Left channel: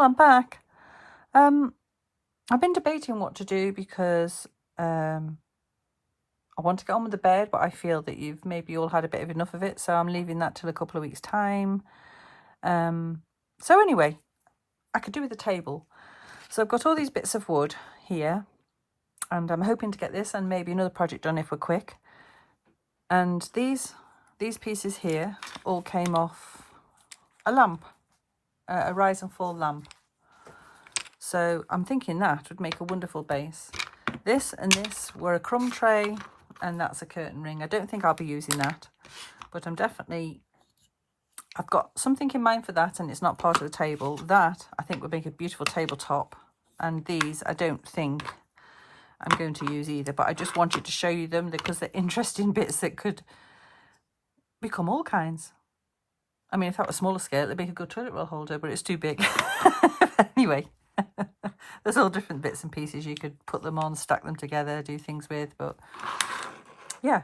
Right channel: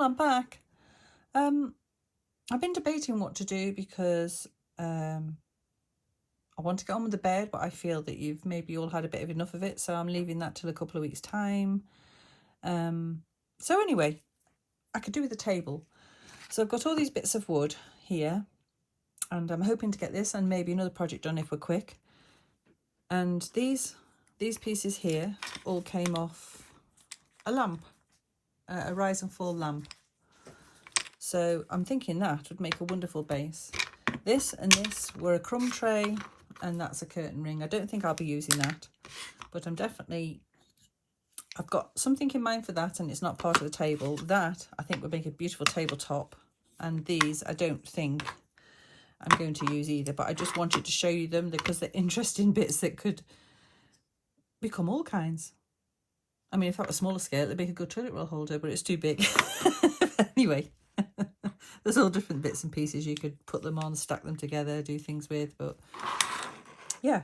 well, I'm back. I've been debating what to do because I want to get on with the bed, but I feel that you've maybe all had a bit of enough of it, so I'm leaving that till a couple of weeks' time. So anyway, I could do with a table. So I've got all these bits of wood here, and I'm hoping to get this and maybe another project done if we're quick. And these pieces here all came off a lamp, a rise and fall lamp. So I'm thinking that would make a wonderful base. This and this were a crumb tray, and that's a curtain ring. I don't think I'll be using that, but I've got something in mind for that, and it's not part of the table. That I think would make a beautiful tabletop, and these I don't think I'm going to use either, but I just wanted to show you them because they're interesting bits that could become all kinds. I mean, if that was smaller scale, it'd make a good toilet roll holder, but it's too big. Anyway, there's all different bits and pieces you could put them on, stack them together, do things with, but yeah.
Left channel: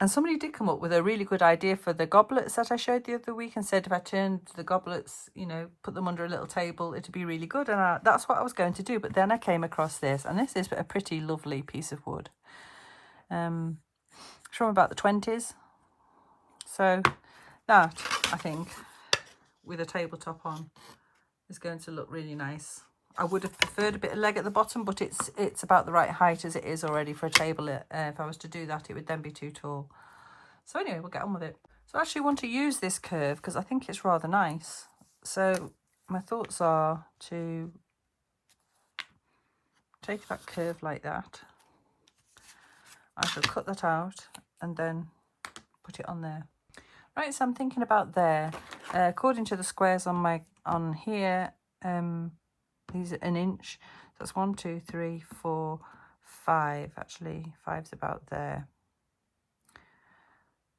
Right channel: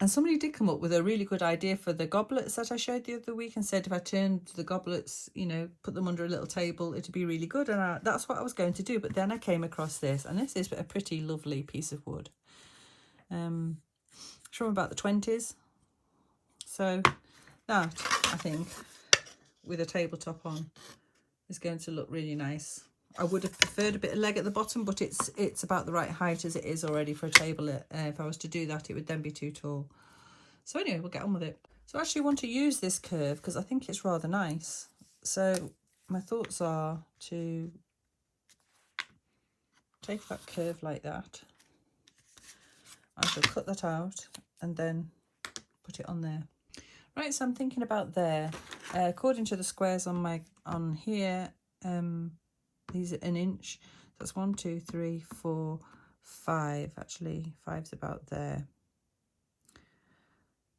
And somebody did come up with a really good idea for the goblets that I showed the other week and said if I turned the goblets, you know, put them under a little table, it'd be really good. And that's what I was going to do. But then I came across this, and this is a pretty lovely piece of wood. It's from about the 20s. So that, I think, with a tabletop on, is going to look really nice. I would have preferred a bit of leg at the bottom, but it's about the right height as it is already for a table. If I was to do that, it would then be too tall. So anyway, we'll get on with it. So I actually want to use this curve because I think it's rather nice. So my thoughts are to take that curve like that. I shall cut that out and then put it on there. Right, so I'm thinking about there. According to the squares on here, these are an inch. That's 1, 2, 3, 4, 5. Actually, 5's about there.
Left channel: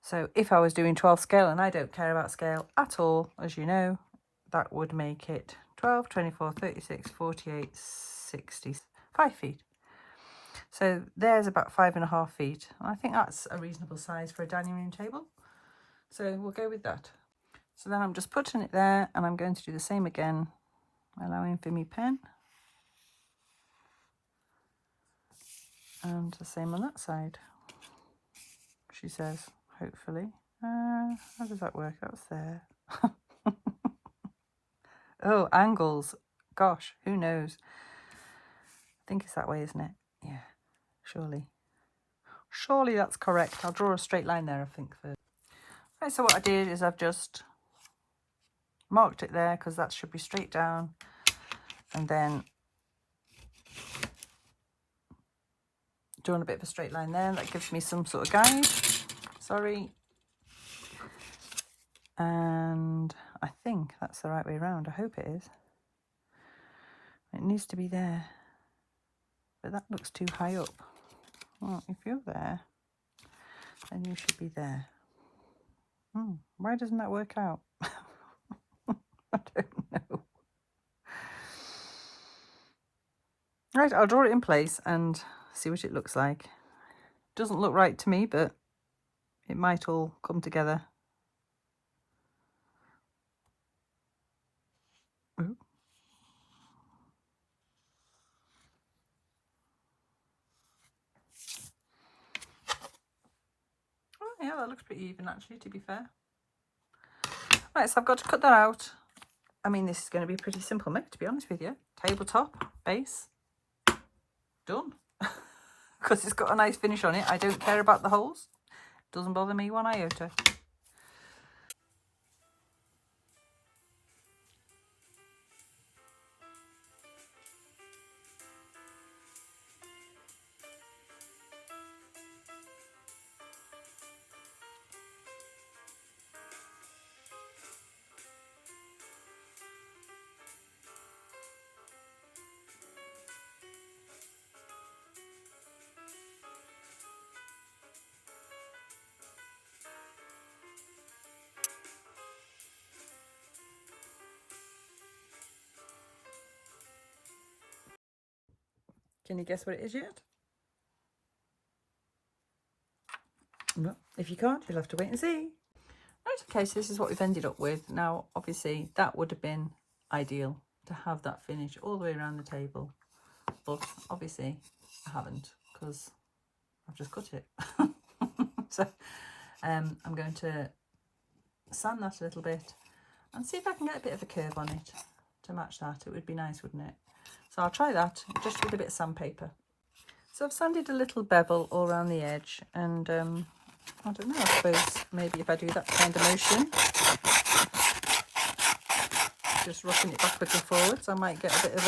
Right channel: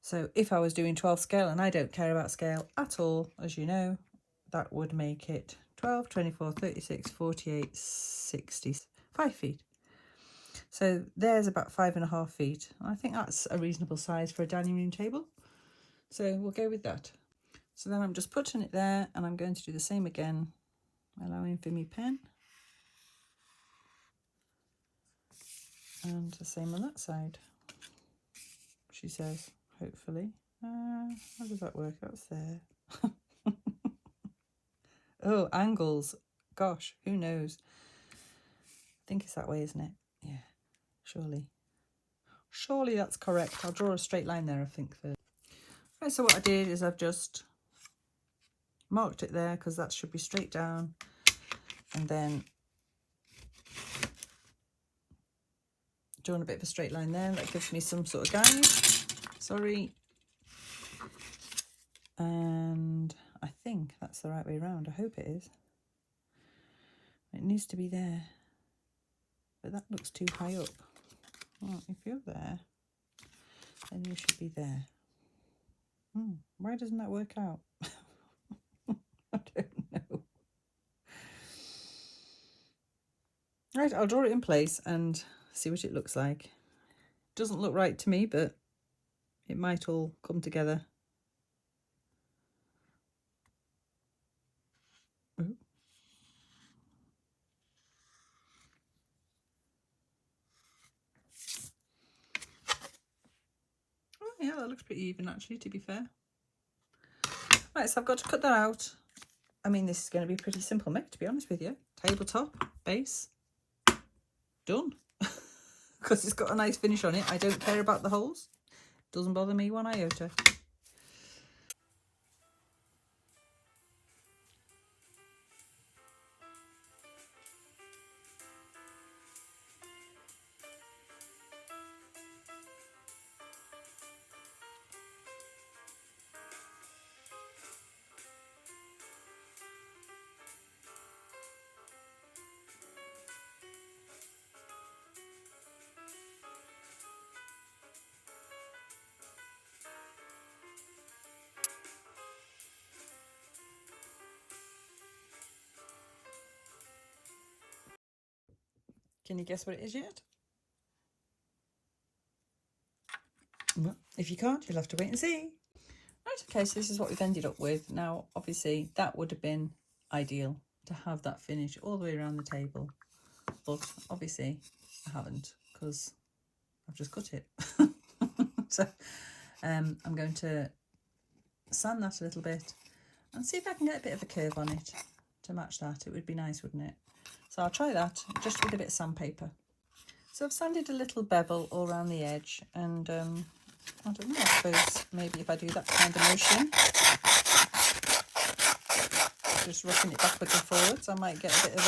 So if I was doing 12 scale, and I don't care about scale at all, as you know, that would make it 12, 24, 36, 48, 60, 5 feet. So there's about 5.5 feet. I think that's a reasonable size for a dining room table. So we'll go with that. So then I'm just putting it there, and I'm going to do the same again, allowing for me pen. And the same on that side, she says, hopefully. How does that work? That's there. Oh, angles. Gosh, who knows? I think it's that way, isn't it? Yeah, surely. Surely that's correct. I'll draw a straight line there, I think, first. Right, so what I did is I've just marked it there because that should be straight down. And then drawn a bit of a straight line there. That gives me some sort of guide. Sorry. And I think that's the right way around. I hope it is. It needs to be there. But that looks too high up. Well, if you're there, then you should be there. Why doesn't that work out? I don't know. Right, I'll draw it in place and see what it looks like. Doesn't look right to me, but it might all come together. Ooh. Oh, yeah, that looks pretty even, actually, to be fair. Right, so I've got to cut that out. I mean, this is going to be a pretty simple make, to be honest with you. Tabletop, base, done. Because it's got a nice finish on it. I don't care about the holes. Doesn't bother me one iota. Can you guess what it is yet? No. If you can't, you'll have to wait and see. Right, okay, so this is what we've ended up with. Now, obviously, that would have been ideal to have that finish all the way around the table, but obviously I haven't because I've just cut it. So I'm going to sand that a little bit and see if I can get a bit of a curve on it to match that. It would be nice, wouldn't it? So I'll try that just with a bit of sandpaper. So I've sanded a little bevel all around the edge, and I don't know, I suppose maybe if I do that kind of motion, just rocking it backwards and forwards, I might get a bit of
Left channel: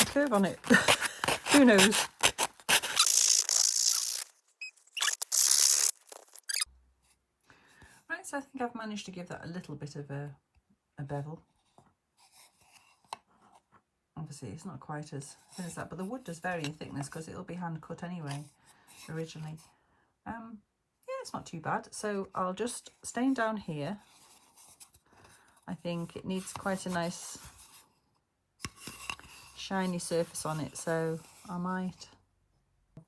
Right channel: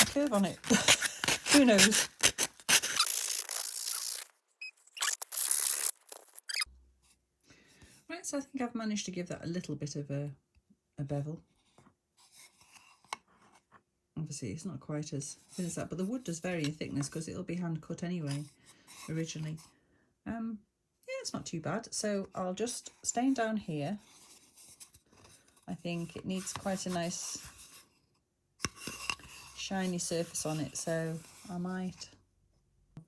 a curve on it. Who knows? Right, so I think I've managed to give that a little bit of a bevel. Obviously it's not quite as thin as that, but the wood does vary in thickness because it'll be hand cut anyway originally. Yeah, it's not too bad. So I'll just stain down here. I think it needs quite a nice shiny surface on it, so I might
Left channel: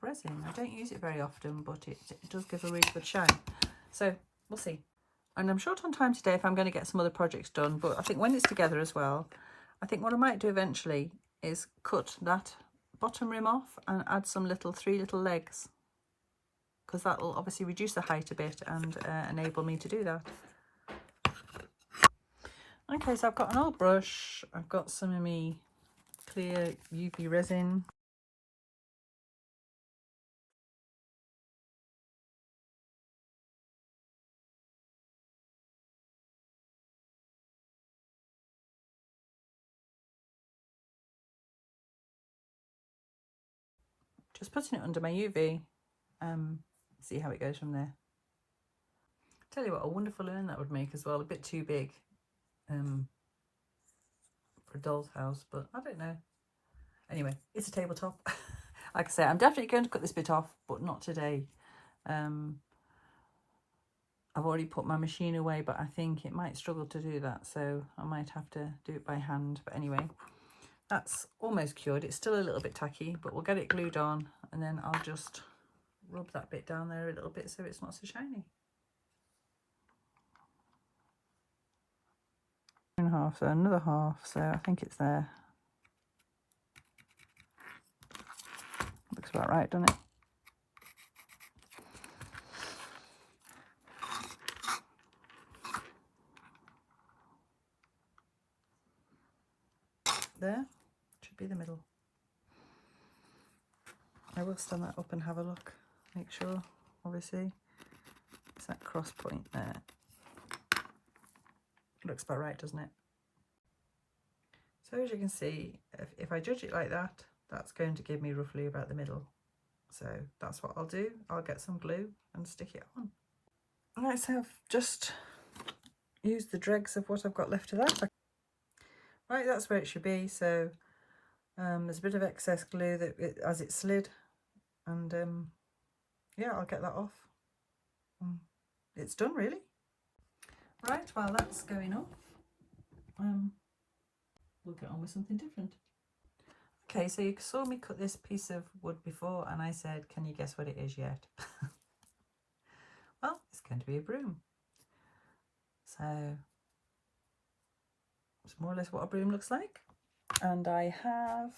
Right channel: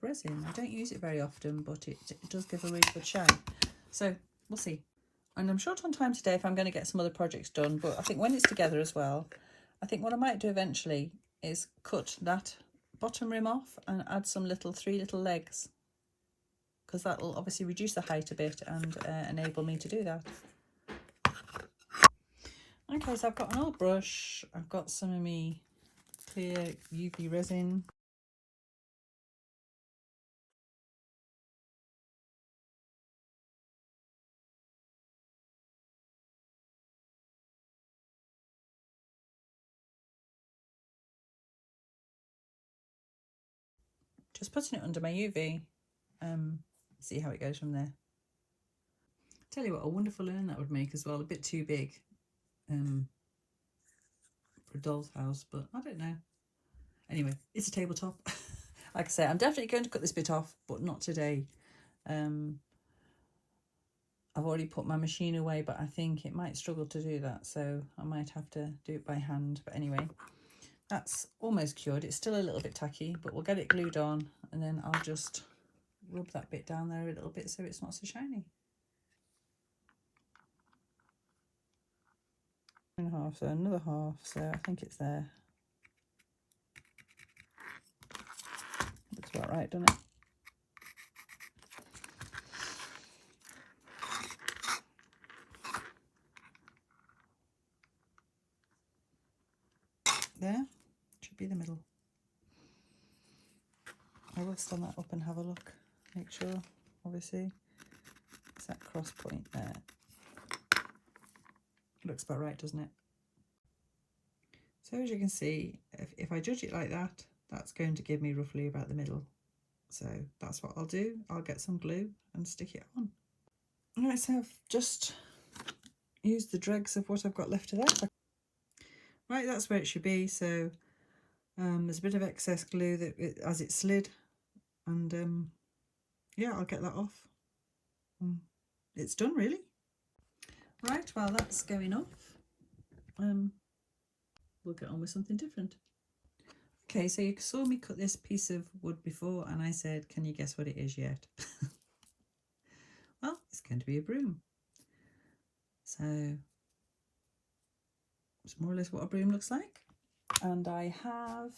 resin. I don't use it very often, but it does give a really good shine, so we'll see. And I'm short on time today if I'm going to get some other projects done, but I think when it's together as well, I think what I might do eventually is cut that bottom rim off and add some three little legs, because that will obviously reduce the height a bit and enable me to do that. Okay, so I've got an old brush, I've got some of my clear UV resin. Just putting it under my UV, see how it goes from there. Tell you what, a wonderful urn that would make as well, a bit too big for a doll's house, but I don't know. Anyway, it's a tabletop. Like I say, I'm definitely going to cut this bit off, but not today. I've already put my machine away, but I think it might struggle to do that, so I might have to do it by hand. But anyway, that's almost cured. It's still a little bit tacky, but we'll get it glued on, and then I'll just rub that bit down there a little bit so it's not so shiny. And a half, so another half, so I think it's there. Looks about right, doesn't it? There should be the middle. I will stand that up and have a look, make sure, obviously. It's that cross point there. Looks about right, doesn't it? So as you can see, if I judge it like that, that's going to give me roughly about the middle. So that's what I'll do. I'll get some glue and stick it on. All right, so I've just used the dregs of what I've got left of that. Right, that's where it should be. So there's a bit of excess glue that as it slid, and yeah, I'll get that off. It's done, really. Right, well, that's going off. We'll get on with something different. Okay, so you saw me cut this piece of wood before, and I said, can you guess what it is yet? Well, it's going to be a broom. So it's more or less what a broom looks like. And I have,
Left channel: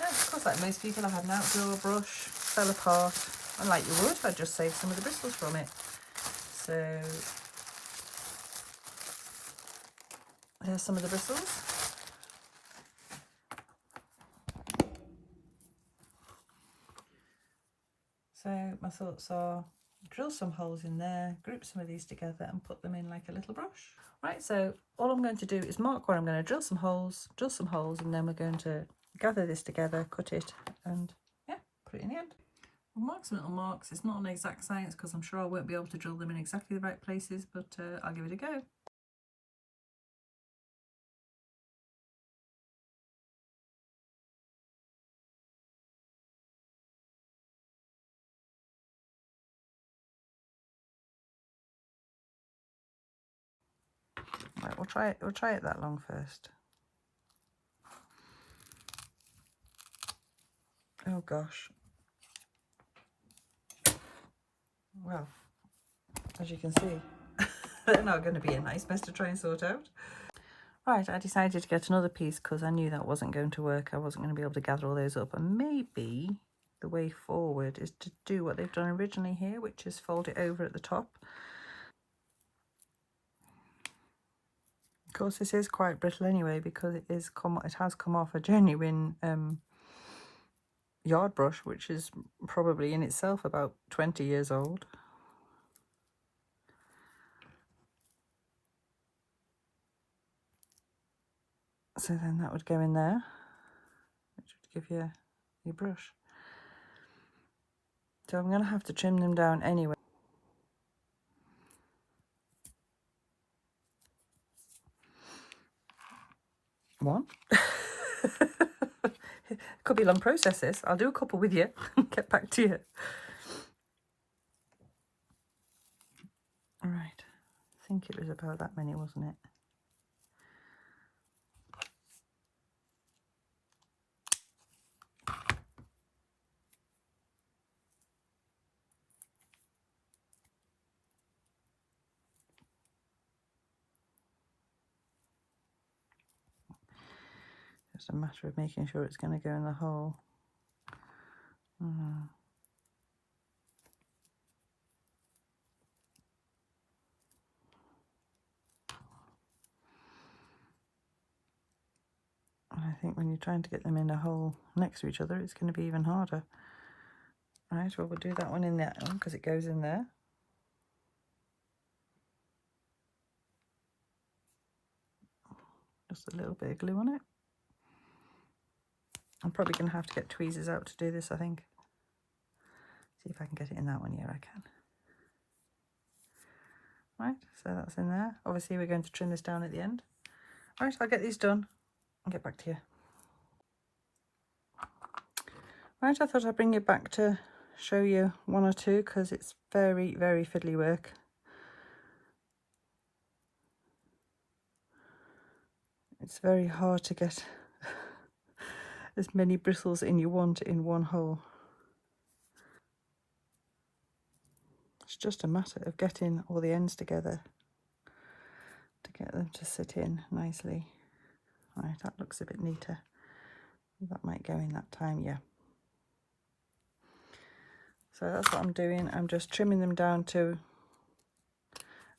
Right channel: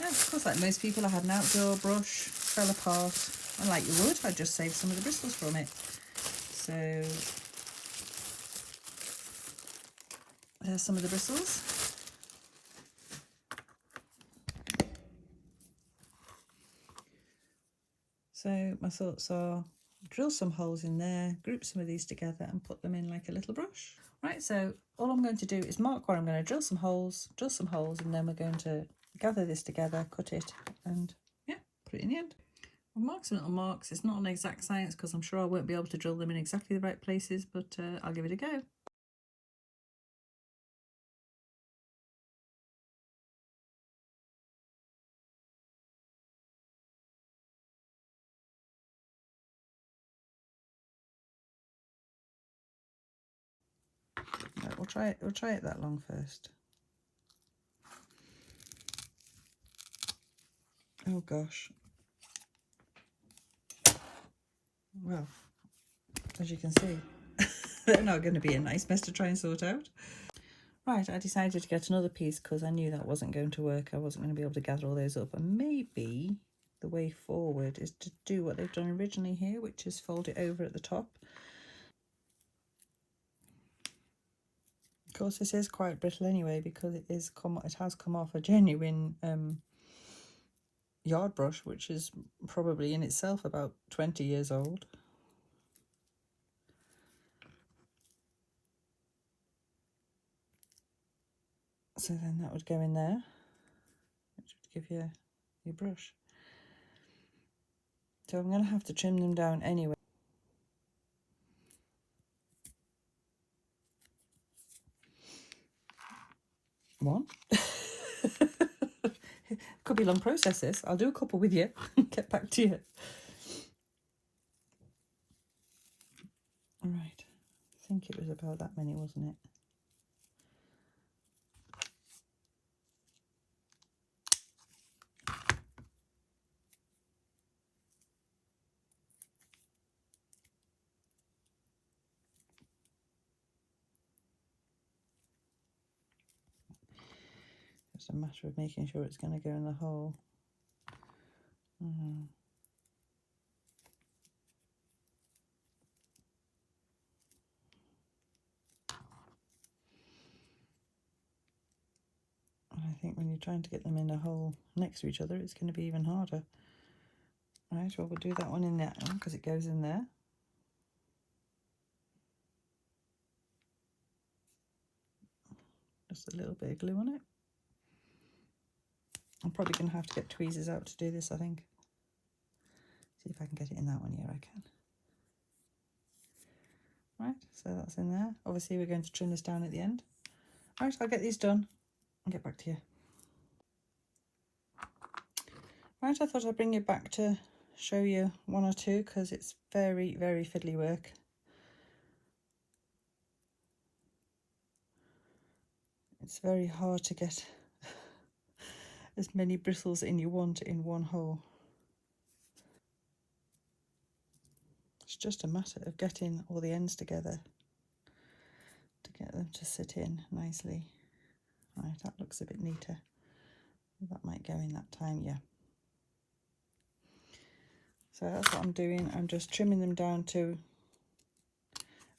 yeah, of course, like most people, I had an outdoor brush, fell apart, and like you would, I just saved some of the bristles from it. So there's some of the bristles. So my thoughts are drill some holes in there, group some of these together and put them in like a little brush. Right, so all I'm going to do is mark where I'm going to drill some holes, and then we're going to gather this together, cut it, and yeah, put it in the end. I'll mark some little marks. It's not an exact science because I'm sure I won't be able to drill them in exactly the right places, but I'll give it a go. Right, we'll try it that long first. Oh gosh. Well, as you can see, They're not going to be a nice mess to try and sort out. Right, I decided to get another piece because I knew that wasn't going to work. I wasn't going to be able to gather all those up. And maybe the way forward is to do what they've done originally here, which is fold it over at the top. Of course, this is quite brittle anyway because it has come off a genuine yard brush, which is probably in itself about 20 years old. So then that would go in there, which would give you your brush. So I'm going to have to trim them down anyway. One. Could be a long process this. I'll do a couple with you and get back to you. All right. I think it was about that many, wasn't it? Just a matter of making sure it's going to go in the hole. And I think when you're trying to get them in a hole next to each other, it's going to be even harder. Right, well, we'll do that one in that one because it goes in there. Just a little bit of glue on it. I'm probably going to have to get tweezers out to do this, I think. See if I can get it in that one. Yeah, I can. Right, so that's in there. Obviously, we're going to trim this down at the end. Right, I'll get these done and get back to you. Right, I thought I'd bring you back to show you one or two because it's very, very fiddly work. It's very hard to get as many bristles in you want in one hole. It's just a matter of getting all the ends together to get them to sit in nicely. Right, that looks a bit neater. That might go in that time, yeah. So that's what I'm doing. I'm just trimming them down to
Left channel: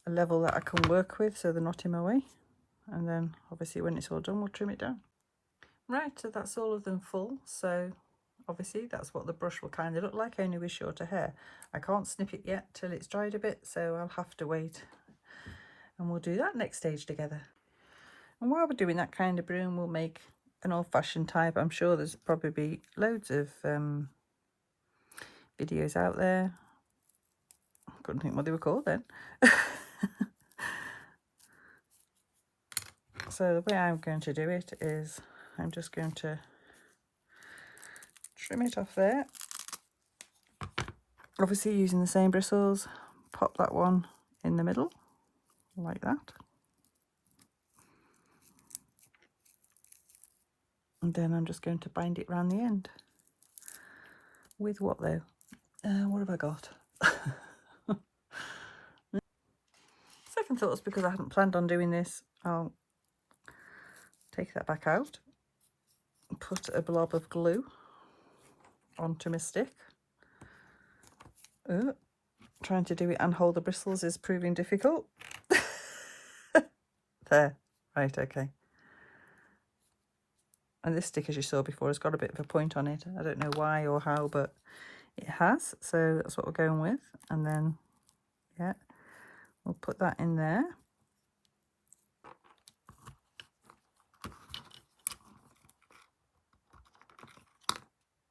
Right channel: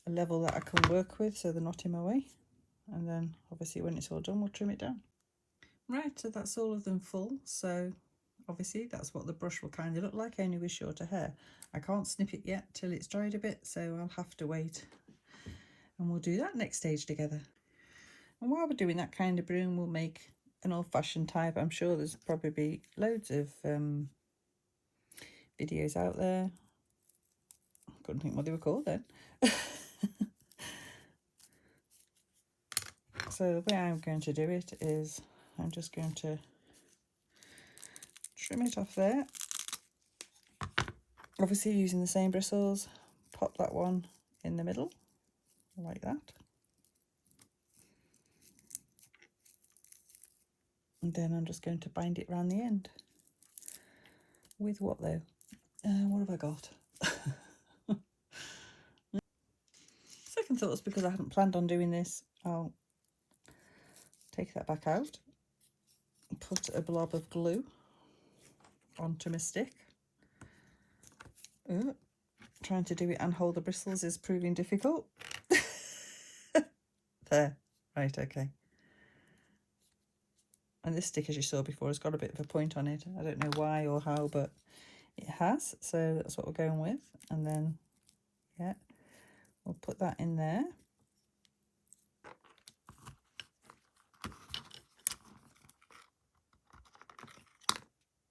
a level that I can work with so they're not in my way. And then obviously when it's all done, we'll trim it down. Right, so that's all of them full. So obviously that's what the brush will kind of look like, only with shorter hair. I can't snip it yet till it's dried a bit, so I'll have to wait. And we'll do that next stage together. And while we're doing that kind of broom, we'll make an old-fashioned type. I'm sure there's probably loads of videos out there. I couldn't think what they were called then. So the way I'm going to do it is I'm just going to trim it off there. Obviously using the same bristles, pop that one in the middle like that. And then I'm just going to bind it around the end. With what though? What have I got? Second thoughts, because I hadn't planned on doing this, I'll take that back out, put a blob of glue onto my stick. Trying to do it and hold the bristles is proving difficult. There, right, okay. And this stick, as you saw before, has got a bit of a point on it. I don't know why or how, but it has. So that's what we're going with. And then, yeah, we'll put that in there.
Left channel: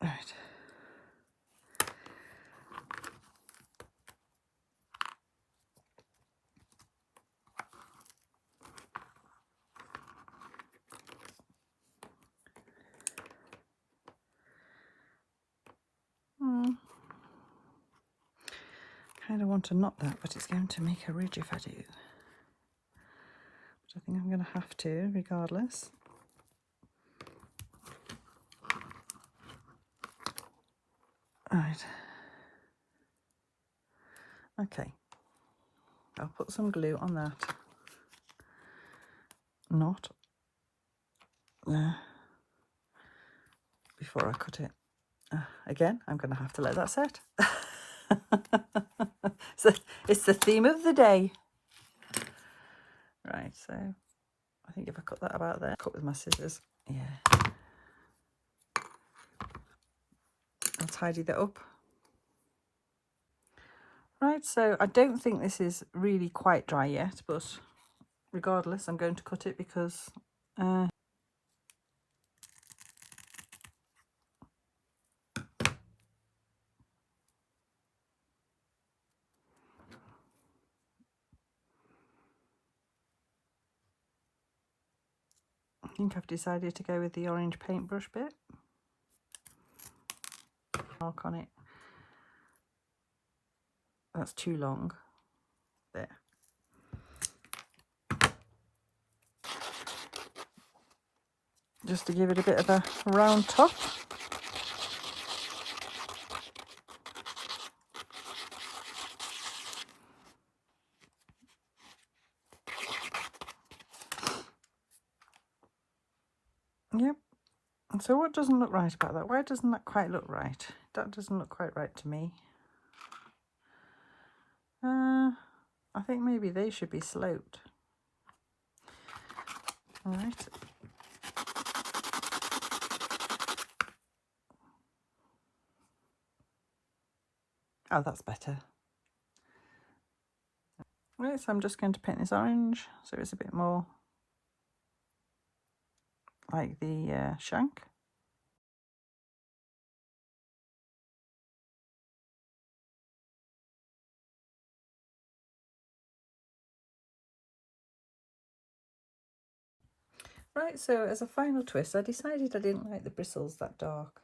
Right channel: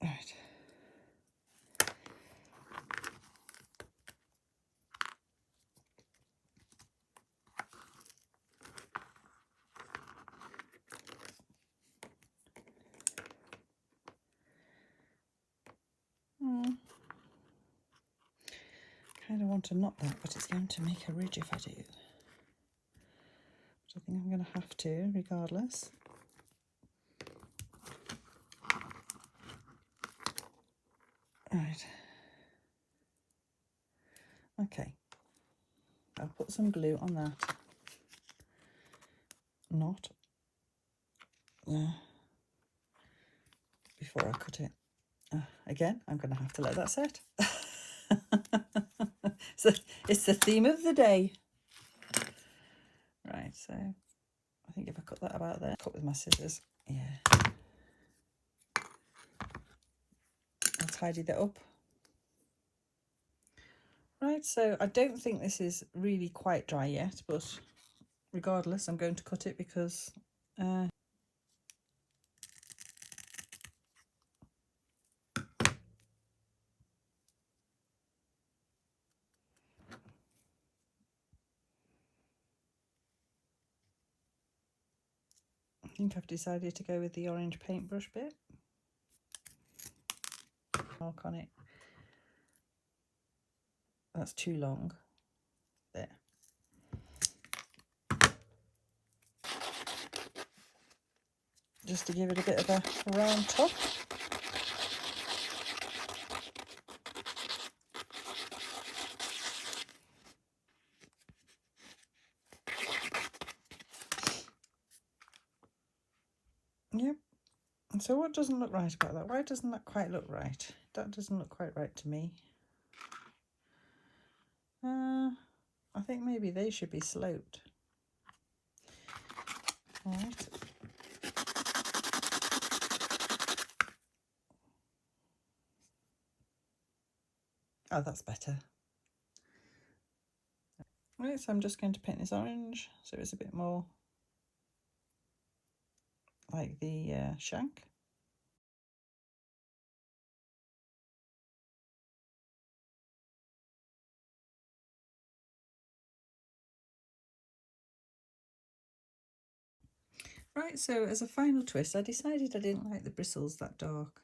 Right. Kind of want to knot that, but it's going to make a ridge if I do. But I think I'm going to have to, regardless. Right. Okay. I'll put put some glue on that knot there before I cut it. Again, I'm going to have to let that set. So it's the theme of the day. Right, so I think if I cut that about there, cut with my scissors, yeah. I'll tidy that up. Right, so I don't think this is really quite dry yet, but regardless, I'm going to cut it because I think I've decided to go with the orange paintbrush bit. Mark on it. That's too long. There. Just to give it a bit of a round top. Yep. And so what doesn't look right about that? Why doesn't that quite look right? That doesn't look quite right to me. I think maybe they should be sloped. All right. Oh, that's better. Right, so I'm just going to paint this orange so it's a bit more like the shank. Right, so as a final twist, I decided I didn't like the bristles that dark.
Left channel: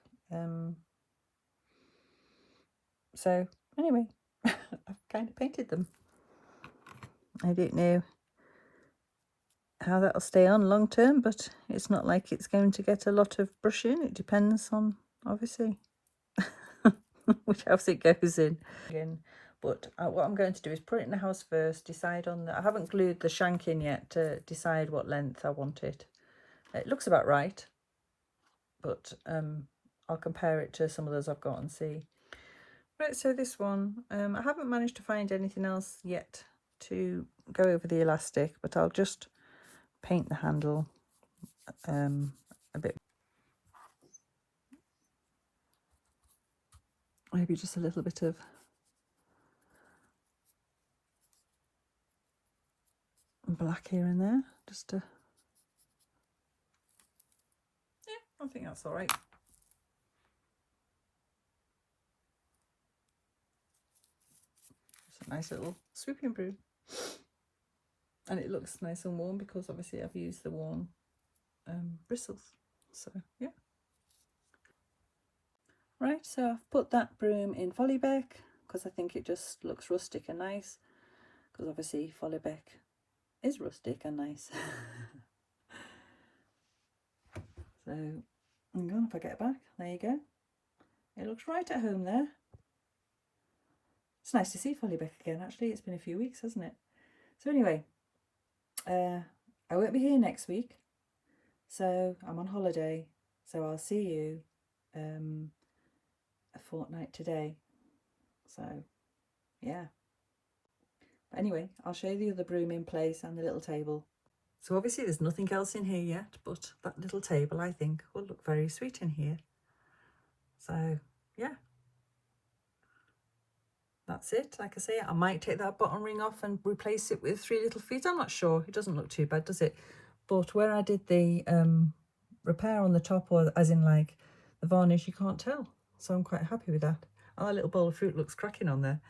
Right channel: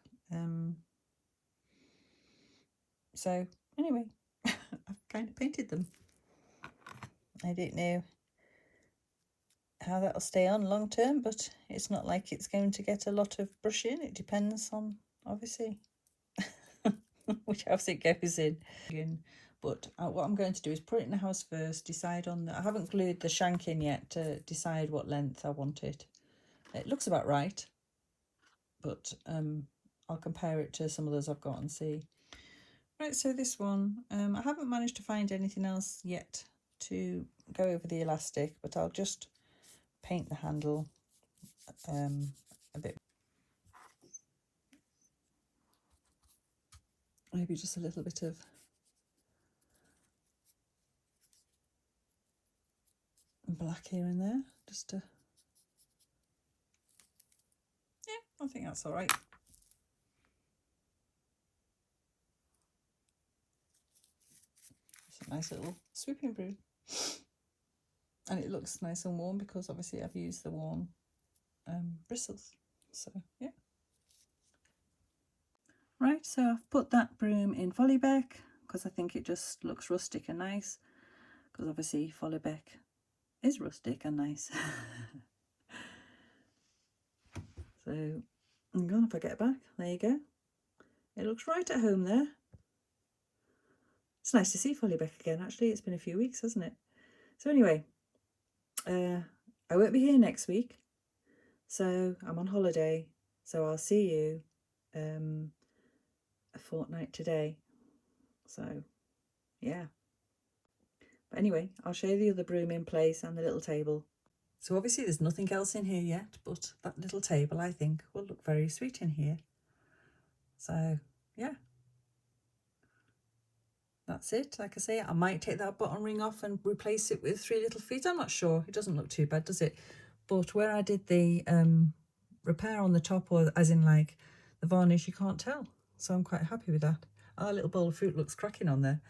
So anyway, I've kind of painted them. I don't know how that'll stay on long term, but it's not like it's going to get a lot of brushing. It depends on, obviously, which house it goes in. Again, but what I'm going to do is put it in the house first, decide on I haven't glued the shank in yet to decide what length I want it. It looks about right, but I'll compare it to some of those I've got and see. Right, so this one, I haven't managed to find anything else yet to go over the elastic, but I'll just paint the handle a bit. Maybe just a little bit of black here and there, just to, yeah, I think that's all right. It's a nice little swooping broom. And it looks nice and warm because obviously I've used the worn bristles. So, yeah. Right, so I've put that broom in Follybeck because I think it just looks rustic and nice. Because obviously Follybeck is rustic and nice. So, hang on, if I get back, there you go. It looks right at home there. It's nice to see Follybeck again, actually. It's been a few weeks, hasn't it? So anyway, I won't be here next week. So I'm on holiday. So I'll see you a fortnight today. So, yeah. But anyway, I'll show you the other broom in place and the little table. So obviously there's nothing else in here yet, but that little table I think will look very sweet in here. So, yeah. That's it. Like I say, I might take that button ring off and replace it with 3 little feet. I'm not sure. It doesn't look too bad, does it? But where I did the repair on the top, or as in like the varnish, you can't tell. So I'm quite happy with that. Our little bowl of fruit looks cracking on there.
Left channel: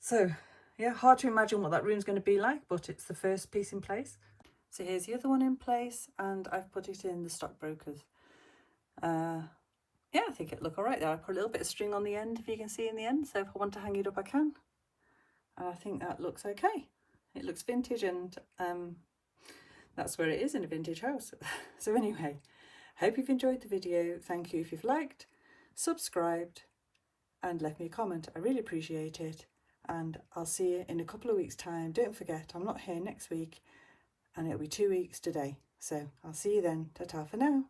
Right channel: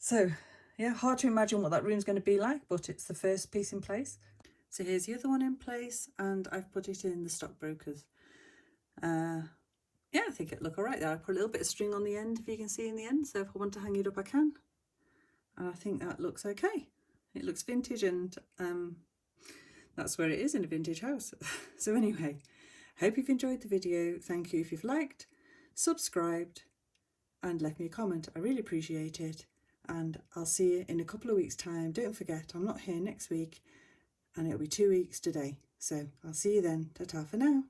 So, yeah, hard to imagine what that room's going to be like, but it's the first piece in place. So here's the other one in place, and I've put it in the stockbrokers. Yeah, I think it'll look all right there. I put a little bit of string on the end, if you can see in the end, so if I want to hang it up, I can. And I think that looks okay. It looks vintage, and that's where it is in a vintage house. So anyway, hope you've enjoyed the video. Thank you if you've liked, subscribed, and left me a comment. I really appreciate it. and I'll see you in a couple of weeks' time. Don't forget, I'm not here next week, and it'll be 2 weeks today. So I'll see you then. Ta-ta for now.